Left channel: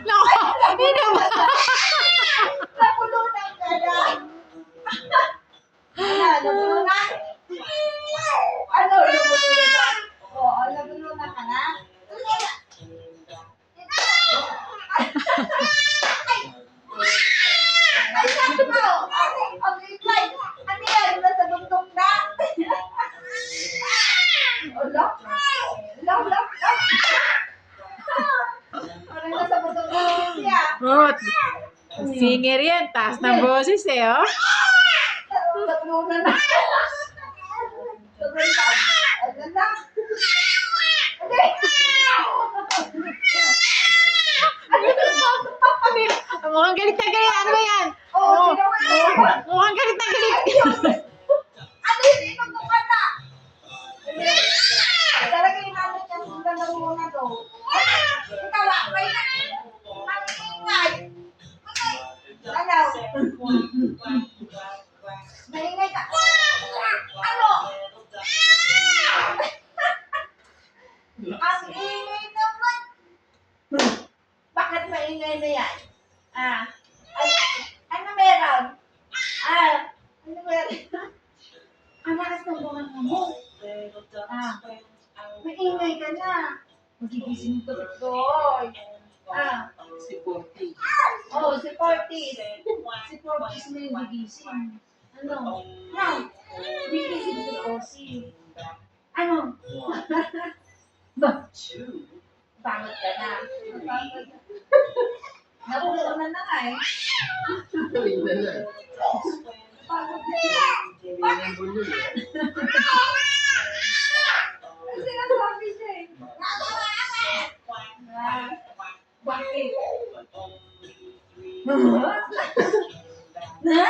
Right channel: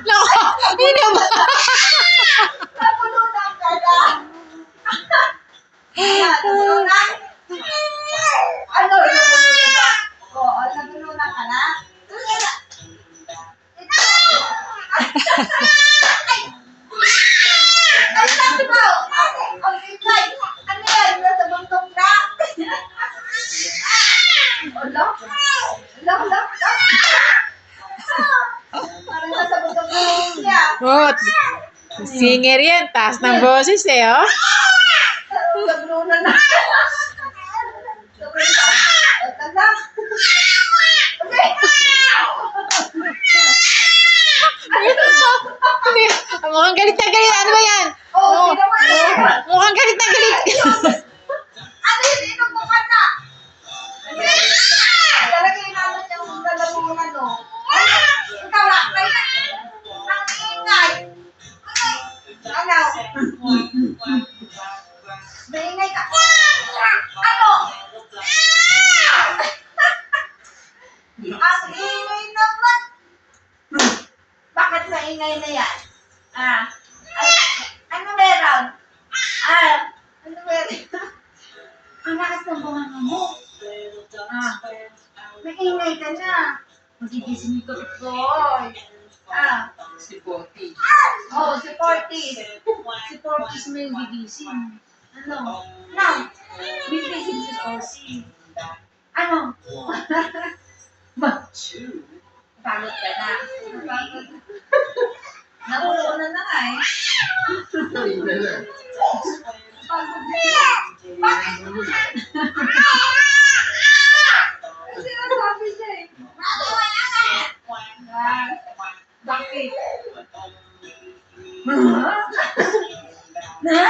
Naku! Hindi ba? Nabulunan ka na. Nabulunan? Ano? Nabulunan ka? Oo, nabulunan ka na? Ay, sabi mo! Ang ikay! Ano yan? Nasa bundok na? Ulo? Ulo? Parang nasa bundok na siya. Oh, singer yan. Taas ng boses eh, oh. Nabulunan na. Sobrang taas. Wag na. Okay. Hindi. Mukhang galit na galit. Ano ba yan? Oh, ginawa niya. Mukhang galit na galit. Ano yun? Inubukan na. Talaga inanot yung lalamunan to. Ikaw lang. Ang ingay. Ano? Naingay ka. Ano? Ang ingay naman. Bakit maingay na yan? Ano meron? Ano meron? Ang lakas ng bunganga mo. Maingay ka na. Magigising yung kapit-boy. Si Porty. Oh, si Portis. Si Portis mo yung gigising. Ano? No. Gigising si Portis. Ano? Pagod ka na. Pagod. Nabulunan na nga eh. Kanina na. Pagod na. Bakit? Sinasabi siya eh. Bakit? Na?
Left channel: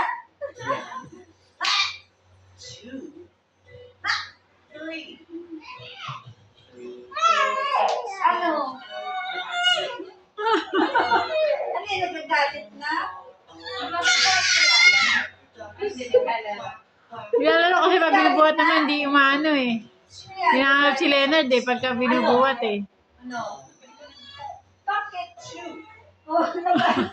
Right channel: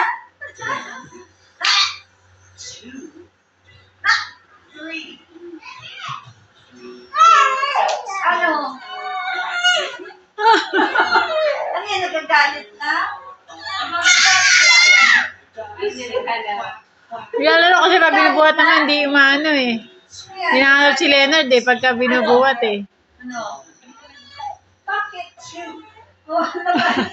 Ano? Ano yan? Nagagalit na? Lalo kasi pag binubuhat naman, di umano eh. Hinahanap si Leonard eh, pagka binubuhat eh. Ano? Bakit? Oh, naman.